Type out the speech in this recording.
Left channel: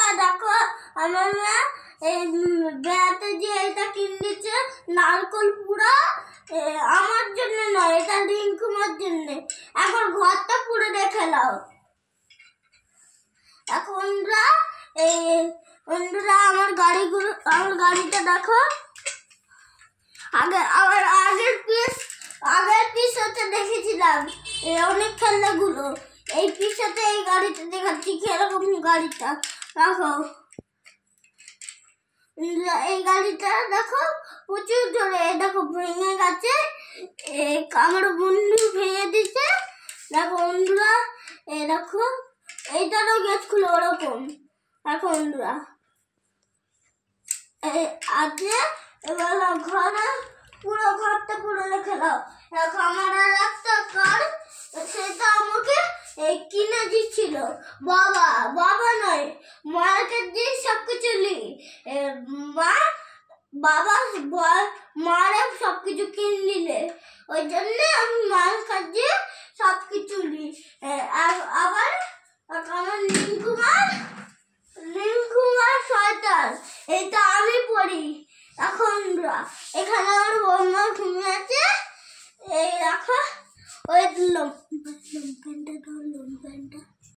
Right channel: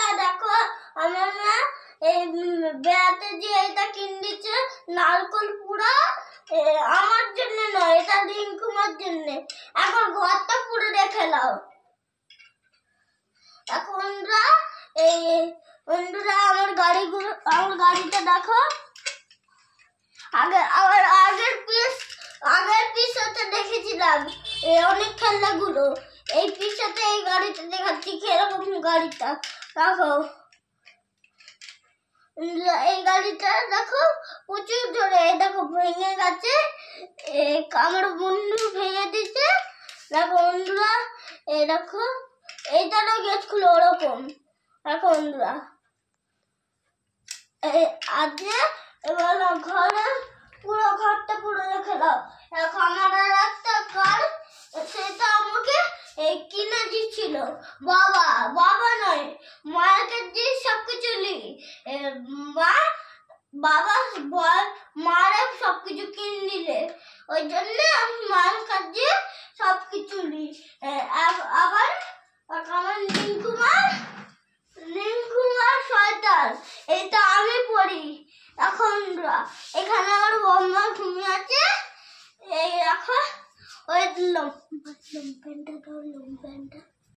বন্ধুরা দেখো আমার মা এই বেড়াতে যে এটা কিনেছে নারকল পুরা আমার জন্য নয়, এটা রিঙ্কুমার জন্য। এখন ঘরটা পুরো দেখে নাও। এখন বন্ধুরা আমার গাড়িটা দেখো। আগের পিসতে দেখেছিলাম অনেক খেলনাগুলো, এই পিসতে এই গাড়িটা দেখাচ্ছি কিরকম গাড়িটা দেখো। এই গাড়িটা দেখো প্রচুর জোরে, দেখো ভেঙে গেছে, আমার বন্ধু ভেঙে দিচ্ছে। দেখো বন্ধুরা এই দেখো এইটারও গেছিল ওরকম। দেখো বন্ধুরা আজকে এবার ঘরে পুরো ঘরটা পুরো রেখে দাও। দেখো আমার আর একটা কার, সেটা আমাকে কিনে দিচ্ছিল বাবা নয়, মাকে দিয়ে সবকিছু মারা সবকিছু কিনে দিলে, ওই জন্য আমি মার কাছে সবকিছু নিই। আবার আমার রিঙ্কুমার সোয়েটার এটা আমি পরি। এখন এখানে আমার বন্ধু ঘুমিয়ে আছে, এই দেখো ওই লম্পেনটা